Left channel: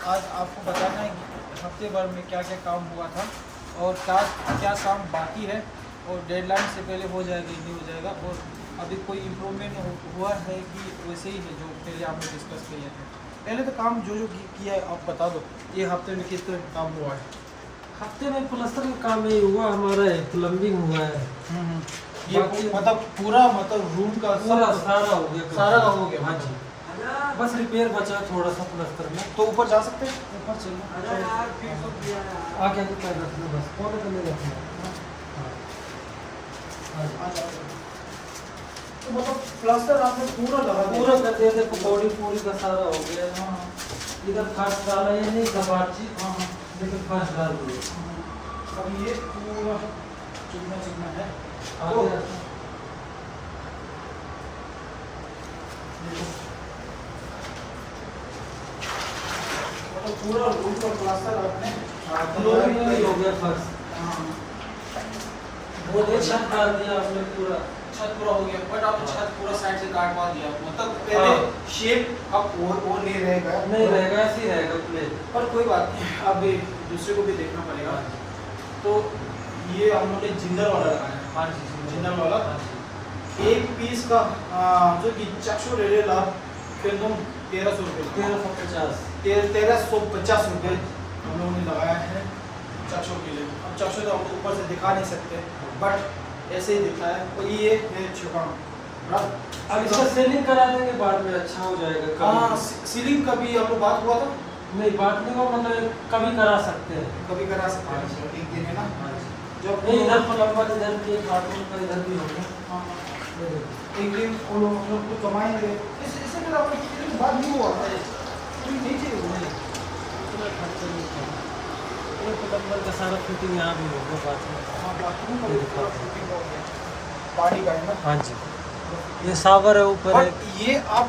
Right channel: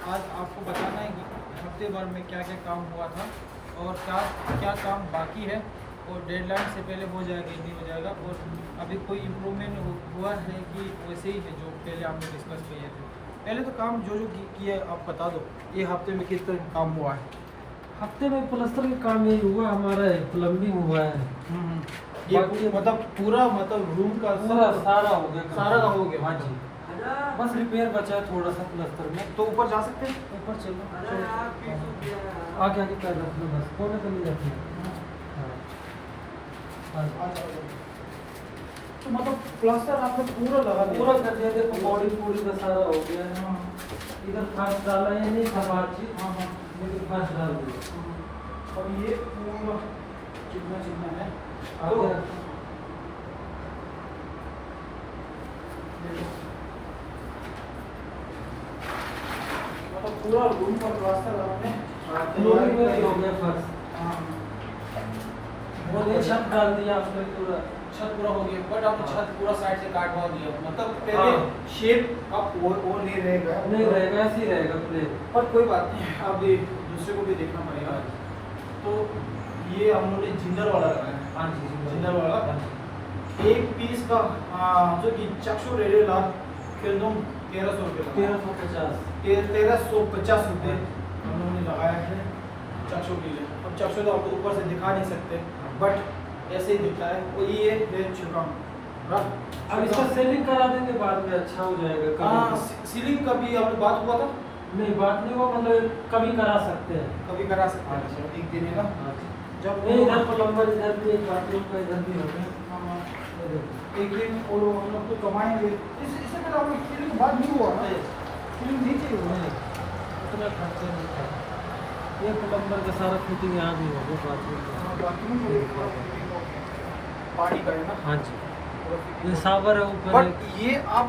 आज आपको बताना है कि हफ्ते भर में क्या क्या काम हुआ था और क्या क्या काम बाकी है और डेडलाइन से पहले हो जाएगा नहीं हो जाएगा, और अभी कोई इम्प्रूवमेंट हुआ है कि वैसे ही है जो पहले आपने डिस्कस किए थे। पहले तो काम जो किया है आप बता दो, ये हफ्ते में किस तरह काम हुआ है? हफ्ते में प्लास्टर का काम नहीं हुआ, हमारा प्लम्बिंग हुआ है। ये मतलब पूरा मतलब रूम का पूरा सारा हो गया, सारा का हो गया। हाँ जी, बस रिपेयर बचा है थोड़ा सा प्लास्टर में। तो ऊपर जा सकते हैं, ऊपर चलना आगे आगे पैर रखना, बस कोने को नहीं रखना। हाँ तो मतलब प्लास्टर आपने पूरा लगा दिया? पूरा कर दिया, देखो बॉडी पूरी का सारा हो गया। इधर फर्स्ट डाला है नहीं कबाड़ चीज, लेकिन फर्स्ट डाल दिया। अब ये पूरा चिकना चिकना है। तो मतलब पूरा रूम का प्लास्टर आपने फ्लोरिंग में भी हो गया फर्श। हाँ वो ये छत डाल दिया आपने पूरा, छत पूरा हो गया, बट आपने छत पूरा साइड से काटवा दिया, मतलब पहले शेप अब वो नहीं रहेगा। नहीं रहेगा, ऐसे ही रहेगा प्ले। पर कोई बात नहीं, अब दूसरे को भी देखना पड़ेगा। तो ये हम लोग ने जिंदल वाला लगाया। हाँ जी, जिंदल वाला एक पीस का जो कि चक्षु रेला फिर 1300 रुपये, 1350 रुपये हम लोगों ने लगाया है चक्षु के लिए। अब चक्षु तो आपको ऊपर से दिखा नहीं सकते, बट ऐसे ही दिखता है। वो ये मेरे छिकाम अब इसका सीलिंग करा देंगे बाद में, अच्छा हो जाएगा। हाँ, सीलिंग का भी आपको बात हुआ था? नहीं, बात नहीं हुआ, मतलब कभी करा सकते हैं। कभी करा सकते हैं, एक दिन है ना। जब नहीं, इधर प्लम्बर इधर भी एक बाथरूम का इधर भी होगा। हाँ, एक दिन वो लोग कुछ कमाएंगे। इससे पहले हम लोग फीलिंग बात नहीं हुआ था, फीलिंग नीचे ही हुआ है, उतना खर्चा नहीं था। एक प्लम्बर का सारा फिटिंग यहाँ भी हो गया बाथरूम का। हाँ, बाथरूम का भी पूरा फिटिंग हो गया, पानी का है ना। हाँ जी, ये शावर है ऊपर। बट ये आप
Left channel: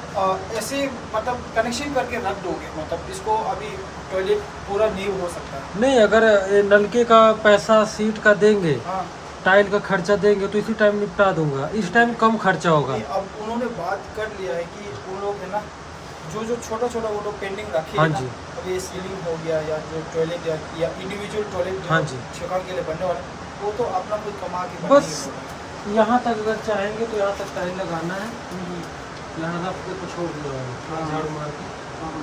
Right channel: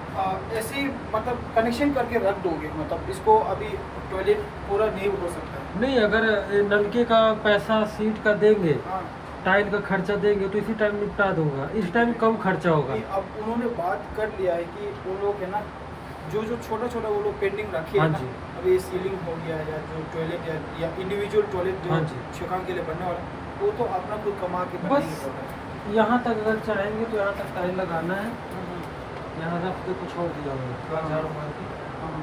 ऐसे मतलब कनेक्शन करके रख दोगे, मतलब इसको अभी टॉयलेट पूरा नहीं हो सकता है। नहीं, अगर ये नलके का पैसा सीट का देंगे, हाँ, टाइल का खर्चा देंगे तो इसी टाइम निपटा दूंगा। इस टाइम कम खर्चा होगा। अब उन्होंने बात कर लिया है कि वो लोग है ना जो छोटा छोटा वो लोग पेंडिंग रखे हाँ है ना, जी। अब ये सीलिंग हो गया या जो टॉयलेट या इंडिविजुअल टॉयलेट हाँ जो जी। शिकार के लिए बनने वाला, वो तो अपना कोई कमा के बस यहाँ तक अगर चाहेंगे तो यहाँ तक टाइल लगाना है, यहाँ रख के तो छोड़ दिया होगा थोड़ा झाड़ू मार के।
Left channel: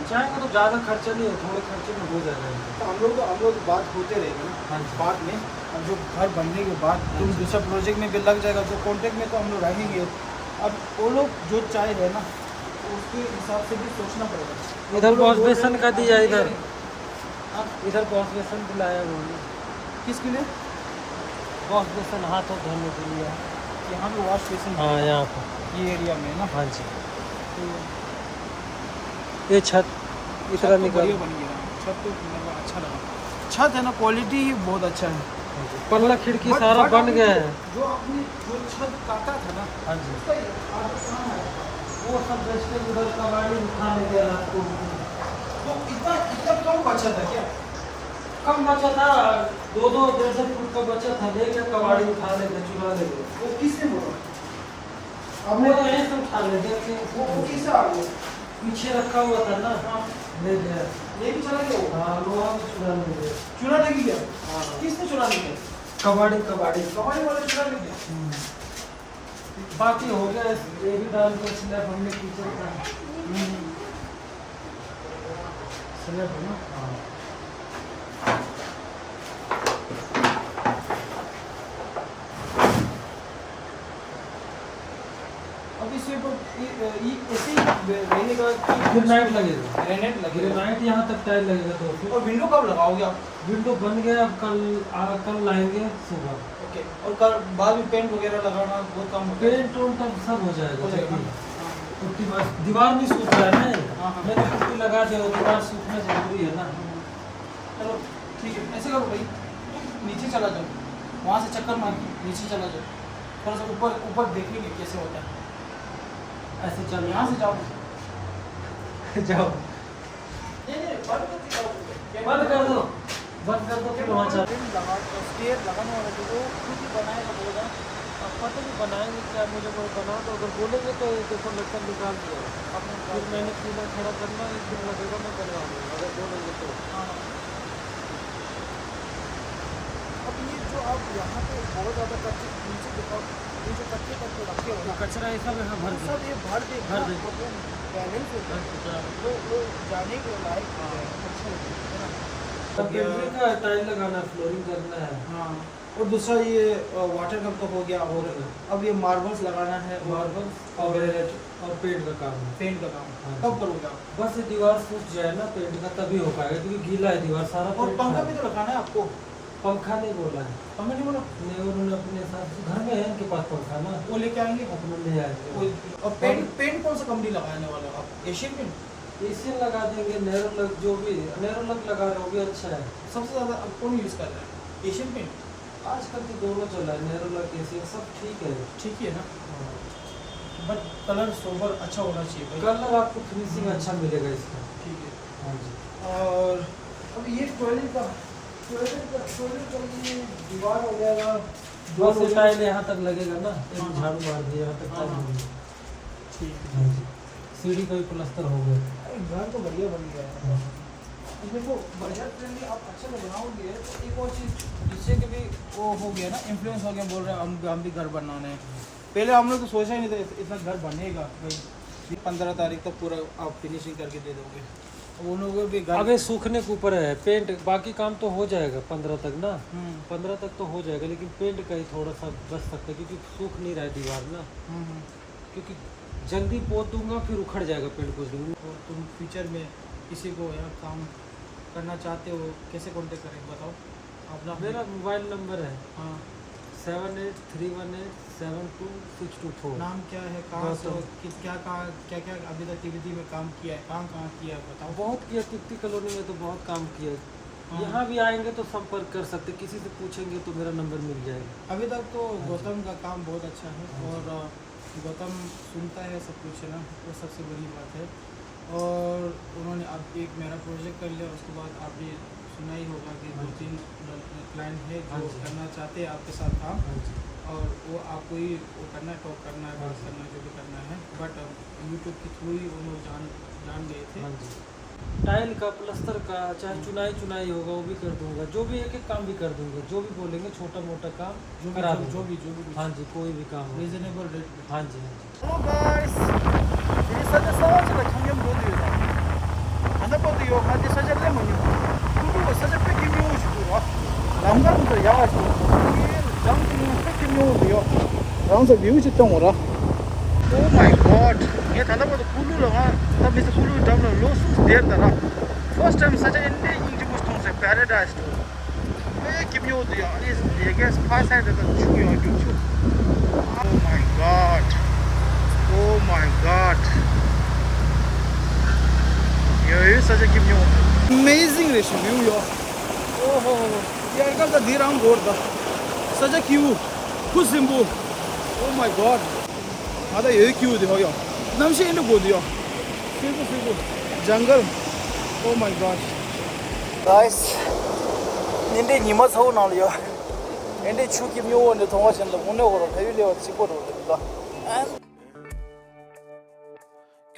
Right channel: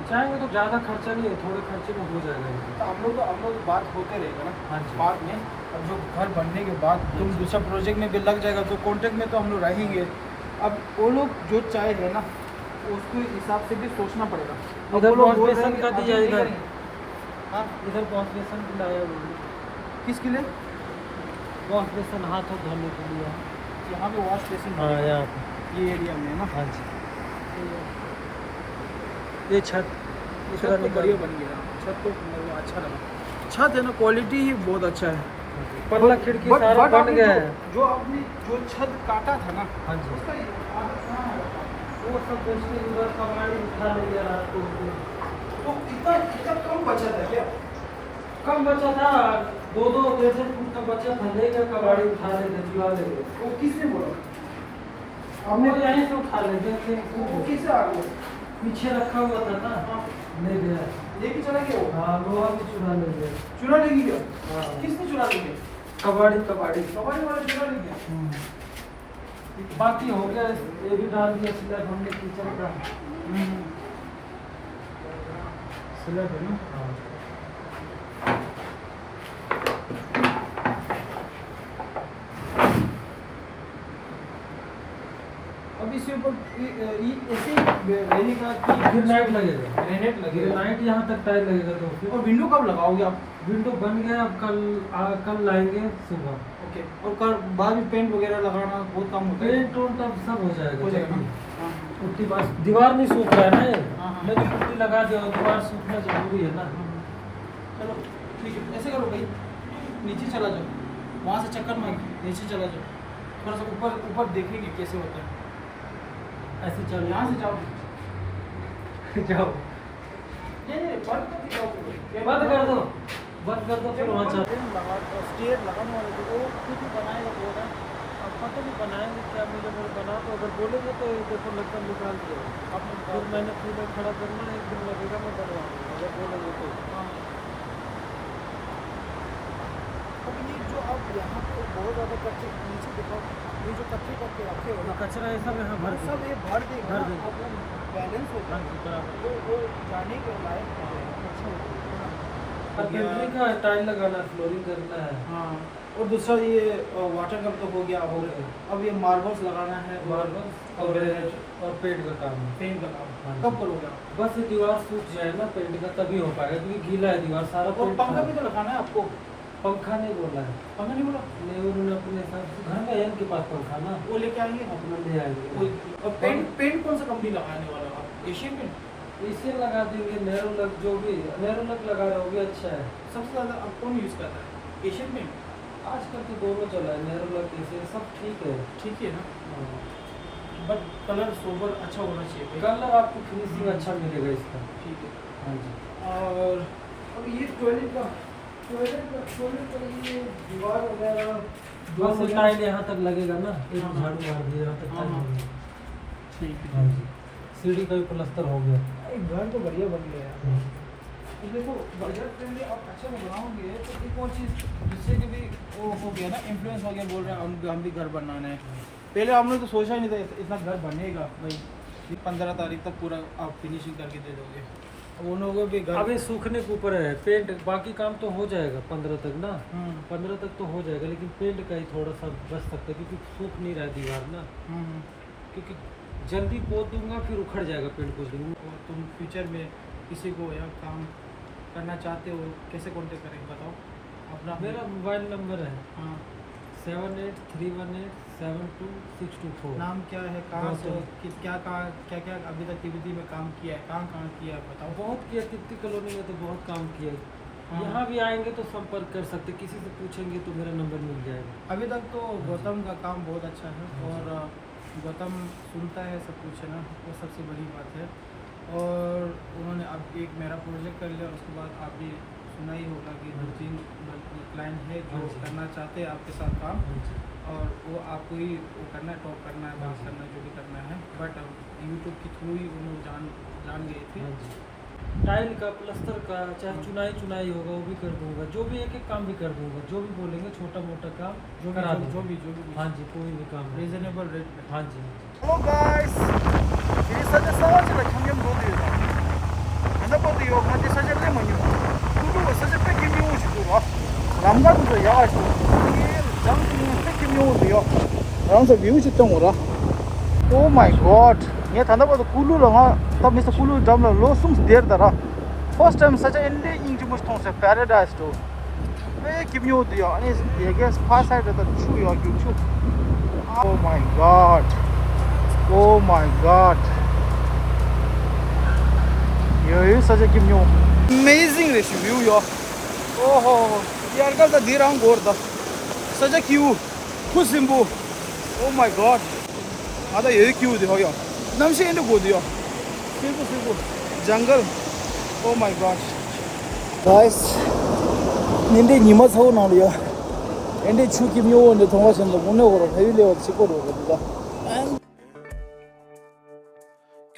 चाहेंगे तो ज़्यादा खर्चा नहीं है, थोड़े खर्चे में हो जाएगा इनका। तो हम लोग बात होते रहेंगे ना। हाँ जी। बाद में अब जो घर बनने के बाद तुम दूसरा प्रोजेक्ट में भी लग जाएगा, तो कॉन्ट्रैक्ट में तो हम लोग रहेंगे। अब वो लोग जो चाहे है ना, उसके हिसाब से भी सोचना पड़ेगा। इधर अब वो लोग वॉश बोल बेसिन रहे का हैं, दिया, अभी इधर हाँ, इधर वॉश बेसिन भी लाया हुआ है। किसके लिए? वॉश बेसिन हाथ धोने के लिए। यहाँ पे वॉश बेसिन हाँ, यहाँ पर। ये एरिया में ना। हाँ जी, तो ये छत इस तरह तो निकल बढ़िया बन गया, छत तो मतलब अच्छा लगा। छत है ना, क्वालिटी ही बहुत अच्छा है। पूरा खिड़की सारा बन आपने गया है। जो आपने जो छत काटा था ना, हाँ जी, उसका आदत कहाँ है? वो सब बेचने के बाद कबाड़ी उठा ले गया रात को। वो इतना कम बचा था क्या? कम बचा था, 2-2 फुट का बचा था, ले गया कबाड़ी उठा ले गया, चुरा ले गया। वो किसने बोला? हमने तो यहीं से उठा ले गए, वो किससे आ गया? पीछे रखा हुआ था ना, ले गया। लेके चला गया वो? हाँ, लोहा भी चुरा ले गया। चुरा लेके गया? हाँ। किसने चुरा ले गया? कबाड़ी कबाड़ी वाले चुरा ले गया। बाकी हो गया, ये भी डाल दिया स्लैब हमने किचन का। स्लैब है ना। हाँ, अब इसके ऊपर ऐसे ही रहने का ग्रेनाइट लगेगा, ग्रेनेड लगेगा। ग्रेनाइट यहाँ तक टाइल लगेगा 2 फीट। और विंडो कब लगाओगे आप? विंडो बन गया, अब कल लाएंगे सुबह। ओके, और कल बाद में पेंट वगैरह लगाना बहुत काम होगा। पेंट उंट अब सब हो जाएगा। हो जाएगा। जल्दी। पुट्टी बस, दीवार नहीं सूख रहा है ना ये। हाँ, हाँ। मैंने पुट्टी लगा दिया, वो दीवार सूखना जरूरी है ना। चलो ठीक है, ऐसे करो भाई, नीचे चला जाओ, वहाँ से चक्कर मार नीचे चला जाओ, थोड़ा सा ऊपर ऊपर देखेंगे कैसे होता है। ऐसे चल, यहाँ से जाओ। जाओ, बंद कर दो। बंद कर दो, फिर वहाँ चल। स्टेयर लगाने वाला जो वो खुद ही बनाएगा बोला। अब पता नहीं बनाएंगे क्या, मुझे वो बना दो, अगर बोलेंगे तो ये देखो लोकल निकाल दिया। आपने फिर मैंने पीलर खड़ा करना, 1 दिन लगेगा, मैं बनवा दूँगा अगर बोलेंगे तो हाँ। अब ये जो आप यहाँ पे बहुत ज़्यादा कच्चे नीचे दिखाओ, ये जो कच्चे कच्चे रखे हो ना, कचरा ये सब यहाँ भर सब ये भर देगा भर ना, देंगे। अब वो बैलेंस हो जाएगा, वो जाने के लायक हो जाएगा, अच्छा हो जाएगा ना। पेंटिंग का टाइल लगाना, फ्लोरिंग करना है। हाँ, और दूसरा ये वाटर कप तो हो गया, और अब ये मार्बल्स लगाना है, मार्बल और पेंट का काम है। पेंट का काम हाँ। कब करोगे? बस ये दीवार सूख जाए ना पेंट का, तभी हो पाएगा, क्योंकि गीला है दीवार सारा। और पेंट पंखा खराब भी है। तो लगाना है आपको। पंखा नहीं बोला है, पंखा नहीं बोला? नहीं उन्होंने अपने साथ घर में है इनके पास पंखा ना, वो लेके आएंगे। अपना ले आएंगे। और पेंट कौन सा कंपनी लगाने वाला आप? Asian paint? इसे लगा देंगे, नेरोलक, जो भी नेरोलक लगा रहे हो भी अच्छा है। सबसे ज़्यादा अब कौन यूज़ कर रहा है? Asian paint? आजकल तो दोनों चला है, नेरोलक एशियन सब ठीक है। ठीक है ना, बट कलर सोबर अच्छा होना चाहिए भाई। कलर आपको फिनिशिंग अच्छा मिलेगा इसका। ठीक है। हाँ जी। और अब ये टॉयलेट का ये दीवार वगैरह बस ये टाइल यहाँ तक लगेगा ना, एक हाँ। झाड़ू मार दिया यहाँ तक टाइल हाँ। लगेगा। ठीक हाँ है। जी। सीढ़ी का भी प्लास्टर हो गया। अरे घर तो बढ़िया बन गया है। हाँ। अब देखो बजट फ्रेंडली आप अच्छा तो बनाओगे, तो एक और चीज़ जिससे कि भी वो हो गया ना, इन्फ्लुएंस हो गया, बोल रहे हैं हम भी घर बनाना है। पहले हमने तो सोचा ही नहीं था इतना घर बनेगा भाई। 15 तारीख तक पूरा आप फिनिशिंग करके दे दोगे, उन लोगों भी घर। अबे सूखने के ऊपर है पेंट, बाकी काम तो हो जाएगा 15 तक ना। 15 तक तो हो जाएगा, लेकिन पेंट का ही थोड़ा सा बच सकता है, क्योंकि सूख नहीं रहा है दीवार ना। क्योंकि जल्दी पोत दूंगा फिर उखड़ जाएगा पेंट कुछ दिन। और तुम फ्यूचर में किसी को यहाँ काम करना चाहते हो, कैसे कॉन्टेक्ट करें बताओ अपना? मेरा मोबाइल नंबर है हाँ। 7831872624। नाम क्या है, कहाँ से हो, क्या क्या अभी तक टीवीटी में काम किया है, कहाँ किया है बताओ? बहुत किया, तिप्ती कॉलोनी में तो बहुत काम किया है। हाँ। यहाँ भी आएंगे तो संपर्क कर सकते, किसी से पूछेंगे तो मेरा नंबर मिल जाएगा। अभी तक तो गौतम का काम बहुत अच्छा है, और गौतम सुनता है सब कुछ है ना, वो सबसे बड़ी बात है। और उन्होंने अब एक मेरा प्रोजेक्ट कर लिया, उसके बाद आप भी सुना ही होगा कि 2-3 क्लाइंट है जो करना चाहते हैं आपके साथ काम, और वो आपको ही वो करना है, टॉक करना है, बात करना है, जो भी करना है। बट यूट्यूब के थ्रू ही उन्होंने जान गए थे। टाइल का, प्लास्टर का, चाहे चुनाई होगा वो भी कर दूंगा, जो भी एक काम भी कर दूंगा, जो भी बोलेंगे छोटा मोटा काम जो करा भी दूंगा। हाँ जी, कोई भी काम हो। रीजनेबल रेट पे। हाँ जी। Hello guys, ini saja saja kanyang dulu ya. Anda pada yo nanti saja lemon yo. Kudu saja pergi minggu juga. Lama tu ya guys. Jam ini pergi minggu yo. Orang tu view itu orang. Oh my god. Ni anda pada kulu lah. Tapi mesti kulu jam lah. Losung der dah. First time saja ende ini mesti orang se paradise tu. Pergi minggu yo. Ini ya guys pas ada tu cuy yo cuy. Oh my god. Oh my god. ये सजे की mu amazing ratio यो. ओहो यार का तो धीरांग गोर दा सजे क्यू कुछ सिंबू. Oh my god. आधा ये क्यू दियो यो. नमशे इन्हें गो दियो. सिंबू जंगल. Oh my god. Guys, निंदे निमस हो ना लियो. इंदे चुकी म्यू ने थोड़ा चंद मुन्ने को रखें ले और सिकोड़ हो गया.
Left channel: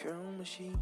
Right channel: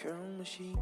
Curl machine,